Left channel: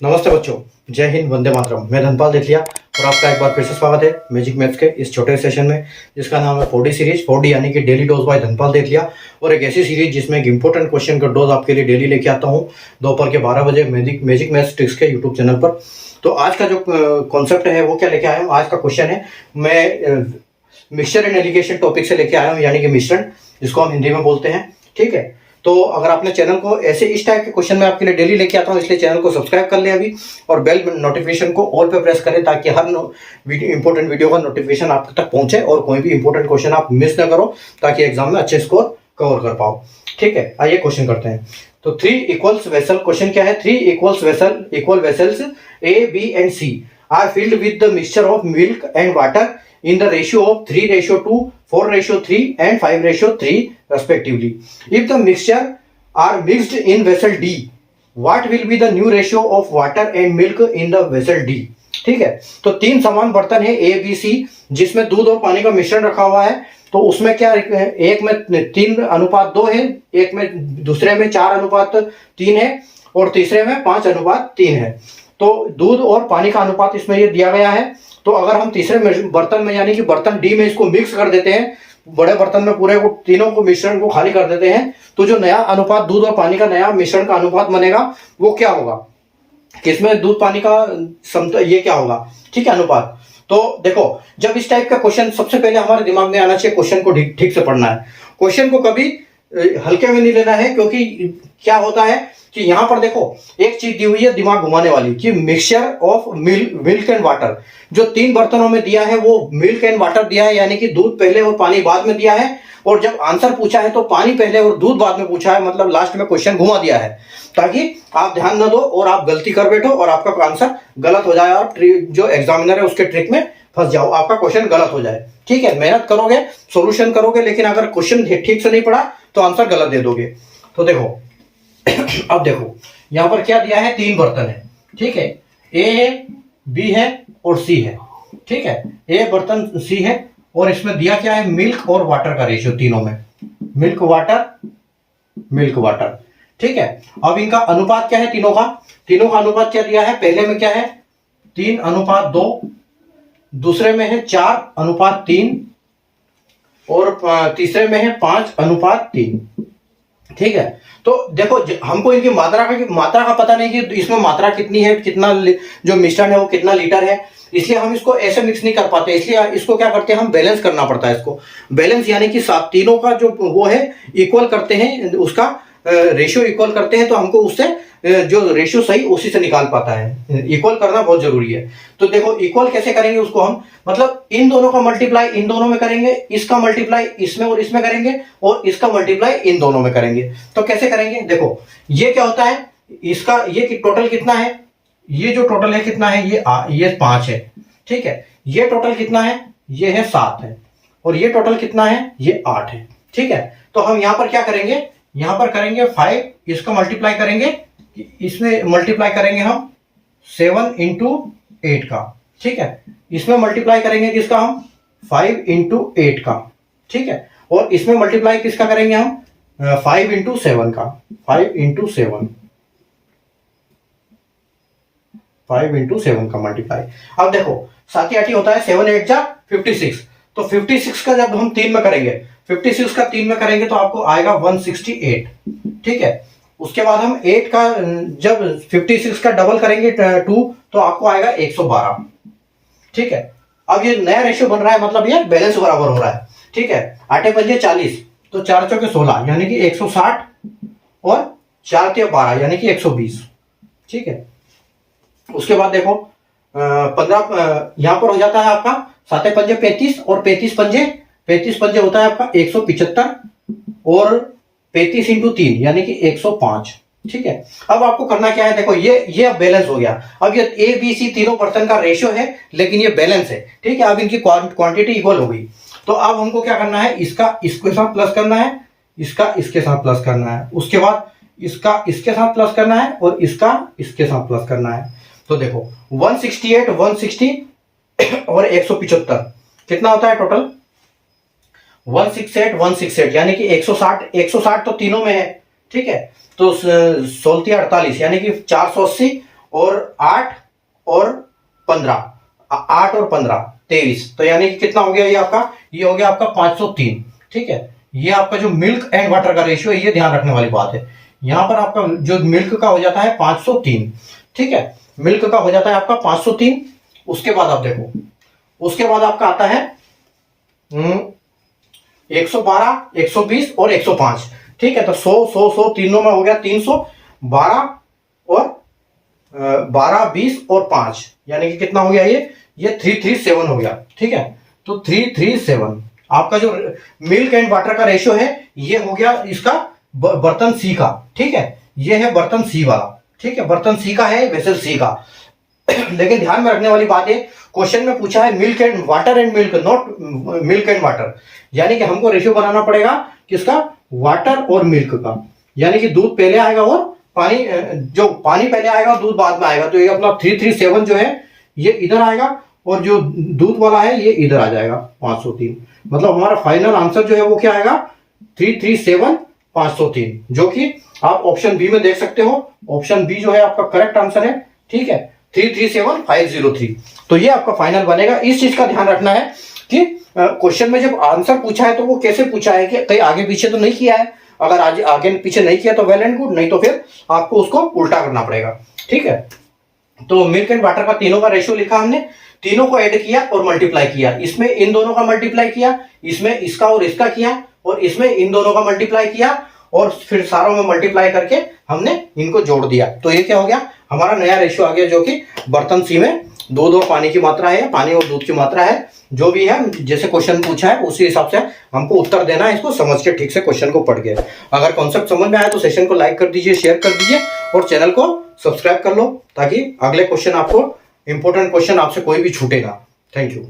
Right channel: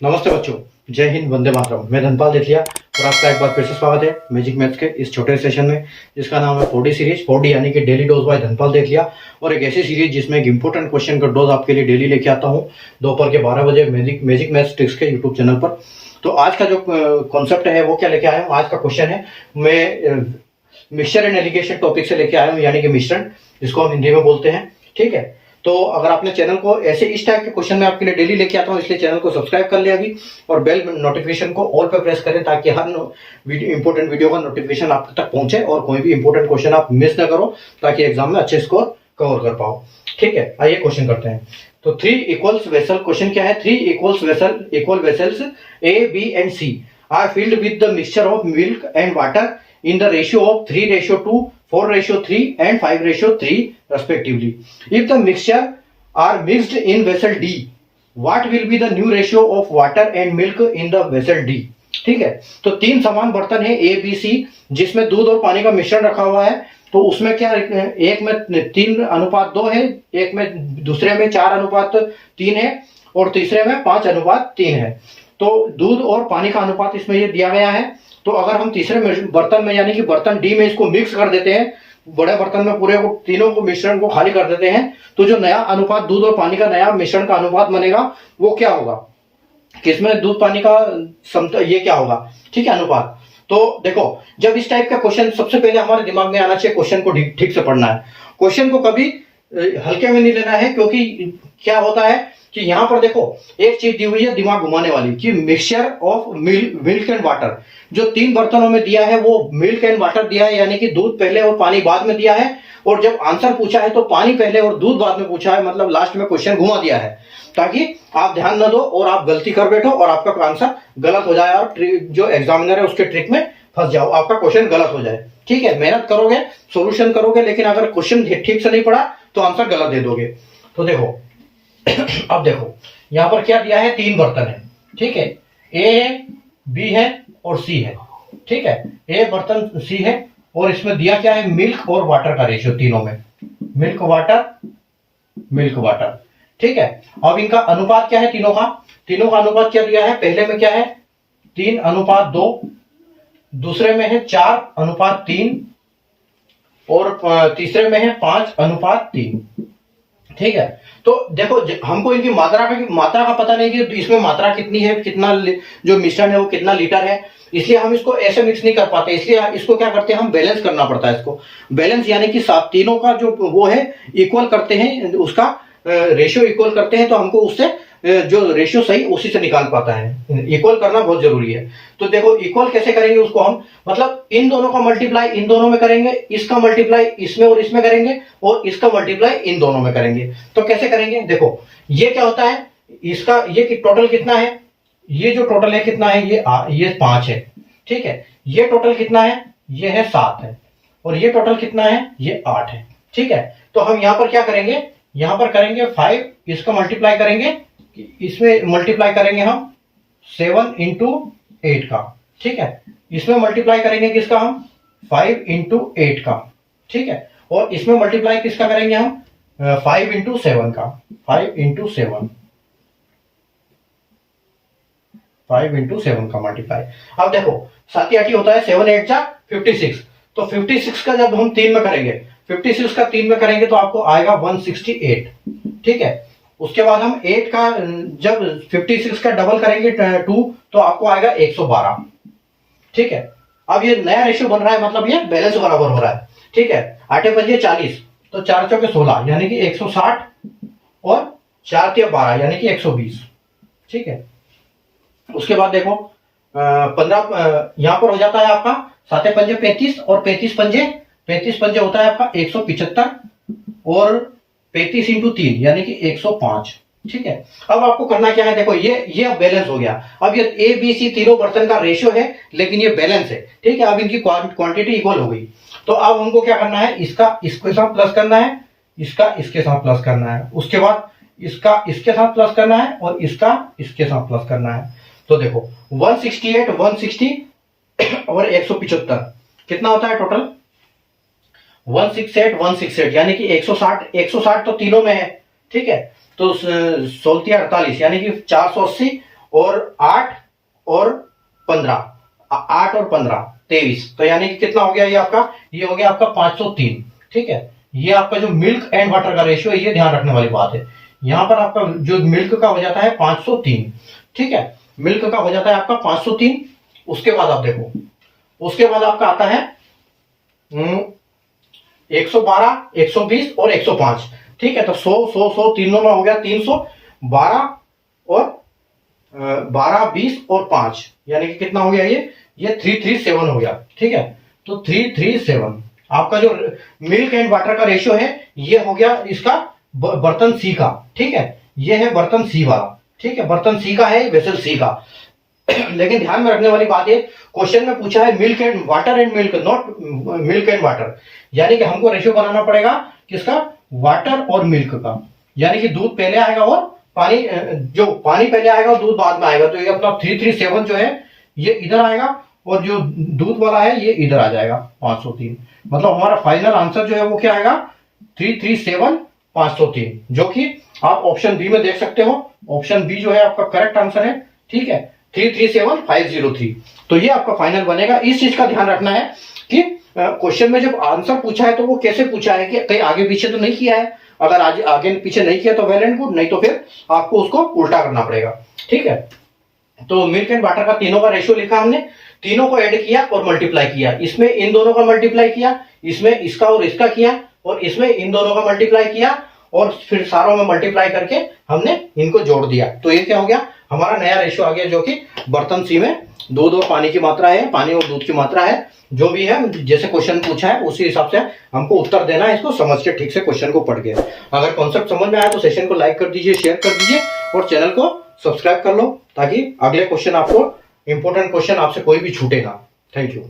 नमस्ते बच्चों, जय हिंद, वंदे मातरम। मैं धनपाल देथिया और आपका एक बार फिर से स्वागत है मैजिक मैथ्स के इस छोटे सेशन में, जिसका नाम है 4D सीरीज। 4D यानी कि डेली डोज बाय धनपाल देथिया, और एक ऐसी सीरीज जिसमें एक इंपॉर्टेंट क्वेश्चन का डोज आपके लिए डेली लेके आता हूँ दोपहर के 12 बजे मैजिक मैथ्स ट्रिक्स के यूट्यूब चैनल पर। तो आज का जो कॉन्सेप्ट है वो क्या लेके आया हूँ, आज का क्वेश्चन है, मैं मिक्सचर एंड एलिगेशन टॉपिक से लेके आया हूँ, यानी कि मिश्रण, जिसको हम हिंदी में बोलते हैं। ठीक है, तो अगर आपने चैनल को ऐसे इस टाइप के क्वेश्चन में आपके लिए डेली लेके आता हूँ, इसलिए चैनल को सब्सक्राइब कर ले अभी, और बेल नोटिफिकेशन को ऑल पे प्रेस करें, ताकि हर इंपॉर्टेंट वीडियो का नोटिफिकेशन आप तक पहुंचे और कोई भी इंपॉर्टेंट क्वेश्चन आप मिस ना करो, ताकि एग्जाम में अच्छे स्कोर कवर कर पाओ। ठीक है, आइए क्वेश्चन करते हैं। तो 3 इक्वल्स वेसल, क्वेश्चन क्या है, 3 equal vessels A, B and C are filled with the mixture of milk and water in the ratio of 3:2, 4:3 and 5:3 respectively. If the mixture are mixed in vessel D, what will be the new ratio of water and milk in the vessel D? ठीक है, तो 3 समान बर्तन है A, B, C, जिसमें दूध और पानी का मिश्रण रखा हुआ है। तो उसमें क्या, एक में 3:2 है, एक में दूसरे में 4:3 है, और तीसरे में 5:3 है। तो दूध और पानी का अनुपात इसमें ये दिया गया है। तो अगर हम तीसरे बर्तन में यानी कि बर्तन डी में इसको मिक्स कर देते हैं, बड़े बर्तन में पूरे को तीनों को मिश्रण को खाली कर देते हैं, तो जो नया अनुपात दूध और पानी का नया मिश्रण का अनुपात बनेगा वो क्या होगा, किसमें दूध पानी का ये क्या होगा, ठीक है, अनुपात। तो देखो, जब इस टाइप का क्वेश्चन, सबसे पहले हमारे दिमाग में आना चाहिए क्वेश्चन को ठीक से पढ़ना है। क्वेश्चन को कभी हल्के में नहीं लेना है, क्योंकि क्या होता है कि यहां पर देखो एक चीज दी हुई है दिमाग घुमाने वाली, कि mixture of milk and water. जो 3 बर्तनों में दिया है वो मिल्क एंड वाटर दिया है, यानी कि दूध पहले और पानी बाद में दिया है। और जब आंसर पूछा है तो पानी पहले और दूध बाद में पूछा है, मतलब लास्ट में क्वेश्चन घुमा दिया है, ताकि आप ध्यान न दो और आप गलती कर बैठो और आपका आंसर गलत हो जाए, और जो एग्जामिनर है उसके ट्रिक में फंस जाओ, आपका क्वेश्चन गलत हो जाए। ठीक है, मेहनत करोगे, सोल्यूशन करोगे, लेकिन अगर क्वेश्चन ठीक से नहीं पढ़ा तो आंसर गलत दे दोगे। तो देखो अब देखो यहां पर क्या दिया है, 3 बर्तन है। ठीक है, ए है, बी है और सी है। ठीक है, ए बर्तन सी है, और इसमें दिया क्या है, मिल्क और वाटर का रेशियो, तीनों में मिल्क वाटर। ठीक है, अब इनका अनुपात क्या है, तीनों का अनुपात क्या दिया है, पहले में क्या है 3:2, दूसरे में है 4:3, और तीसरे में है 5:3। ठीक है, तो देखो हमको इनकी मात्रा का पता नहीं कि इसमें मात्रा कितनी है, कितना जो मिश्रण है वो कितना लीटर है, इसलिए हम इसको ऐसे मिक्स नहीं कर पाते। इसलिए इसको क्या करते हैं, हम बैलेंस करना पड़ता है। इसको बैलेंस यानी कि तीनों का जो वो है इक्वल करते हैं, उसका रेशियो इक्वल करते हैं, तो हमको उससे जो रेशियो सही उसी से निकाल पाता है। इक्वल करना बहुत जरूरी है। तो देखो इक्वल कैसे करेंगे उसको हम, मतलब इन दोनों का मल्टीप्लाई इन दोनों में करेंगे, इसका मल्टीप्लाई इसमें और इसमें करेंगे, और इसका मल्टीप्लाई इन दोनों में करेंगे। तो कैसे करेंगे, देखो ये क्या होता है, इसका ये टोटल कितना है, ये जो टोटल है कितना है, ये 5 है। ठीक है, ये टोटल कितना है, ये है 7 है, और ये टोटल कितना है, ये 8 है। ठीक है, तो हम यहां पर क्या करेंगे, यहां पर करेंगे 5, इसका मल्टीप्लाई करेंगे, इसमें मल्टीप्लाई करेंगे हम 7 into 8 का। ठीक है, इसमें मल्टीप्लाई करेंगे किसका, हम 5 into 8 का। ठीक है, और इसमें मल्टीप्लाई किसका करेंगे हम 5 into 7 का, 5 into 7 का मल्टीप्लाई। अब देखो 7 8 होता है, 7 8 जा 56। तो 56 का जब हम 3 में करेंगे, 56 का 3 में करेंगे तो आपको आएगा 168। ठीक है, उसके बाद हम 8 का जब 56 का डबल करेंगे 2, तो आपको आएगा 112। ठीक है, अब ये नया रेशियो बन रहा है, मतलब ये बैलेंस बराबर हो रहा है। ठीक है, 8 पंजे 40, तो 4 चौके 16 यानी कि 160, और 4 तिया 12 यानी कि 120। ठीक है, उसके बाद देखो 15 यहां पर हो जाता है आपका 7 पंजे 35, और 35 पंजे होता है आपका 175, और 35 into 3 यानी कि 105। ठीक है, अब आपको करना क्या है, देखो ये अब बैलेंस हो गया। अब ये ए बी सी तीनों बर्तन का रेशियो है, लेकिन ये बैलेंस है। ठीक है, अब इनकी क्वांटिटी इक्वल हो गई। तो अब हमको क्या करना है, इसका इसके साथ प्लस करना है, इसका इसके साथ प्लस करना है, उसके बाद इसका इसके साथ प्लस करना है, और इसका इसके साथ प्लस करना है। तो देखो 168 160 और 175 कितना होता है टोटल, 168 यानी कि 160 तो तीनों में है। ठीक है, तो 16 48 यानी कि 480, और 8 और 15, 8 और 15 23, तो यानी कि कितना हो गया ये आपका, ये हो गया आपका 503। ठीक है, ये आपका जो मिल्क एंड वाटर का रेशियो है, ये ध्यान रखने वाली बात है। यहां पर आपका जो मिल्क का हो जाता है 503। ठीक है, मिल्क का हो जाता है आपका 503। उसके बाद आप देखो, उसके बाद आपका आता है 112, 120 और 105। ठीक है, तो 100 तीनों में हो गया 312 और 12, 20 और 5, यानी कि कितना हो गया ये 337 हो गया। ठीक है, तो 337 आपका जो मिल्क एंड वाटर का रेशियो है, ये हो गया इसका बर्तन सी का। ठीक है, ये है बर्तन सी वाला। ठीक है, बर्तन सी का है, वेसल सी का। लेकिन ध्यान में रखने वाली बात है, क्वेश्चन में पूछा है milk and water and milk, not milk and water, यानी कि हमको रेशियो बनाना पड़ेगा किसका, वाटर और मिल्क का। यानी कि दूध पहले आएगा और पानी, जो पानी पहले आएगा और दूध बाद में आएगा। तो ये अपना 337 जो है ये इधर आएगा, और जो दूध वाला है ये इधर आ जाएगा 503। मतलब हमारा फाइनल आंसर जो है वो क्या आएगा, 337 503, जो कि आप ऑप्शन बी में देख सकते हो। ऑप्शन बी जो है आपका करेक्ट आंसर है। ठीक है, 337503। तो ये आपका फाइनल बनेगा। इस चीज का ध्यान रखना है कि क्वेश्चन में जब आंसर पूछा है तो वो कैसे पूछा है, कि कहीं आगे पीछे तो नहीं किया है। अगर आज आगे पीछे नहीं किया तो वेल एंड गुड, नहीं तो फिर आपको उसको उल्टा करना पड़ेगा। ठीक है, तो मिल्क एंड वाटर का तीनों का रेशियो लिखा हमने, तीनों को ऐड किया और मल्टीप्लाई किया। इसमें इन दोनों का मल्टीप्लाई किया, इसमें इसका और इसका किया, और इसमें इन दोनों का मल्टीप्लाई किया, और फिर सारों में मल्टीप्लाई करके हमने इनको जोड़ दिया। तो ये क्या हो गया, हमारा नया रेशियो आ गया, जो कि बर्तन सी में दूध और पानी की मात्रा है, पानी और दूध की मात्रा है। जो भी है, जैसे क्वेश्चन पूछा है उसी हिसाब से हमको उत्तर देना है, इसको समझ के ठीक से क्वेश्चन को पढ़ के। अगर कॉन्सेप्ट समझ में आया तो सेशन को लाइक कर दीजिए, शेयर कर दीजिए, और चैनल को सब्सक्राइब कर लो, ताकि अगले क्वेश्चन आपको, इंपॉर्टेंट क्वेश्चन आपसे कोई भी छूटे ना। Thank you.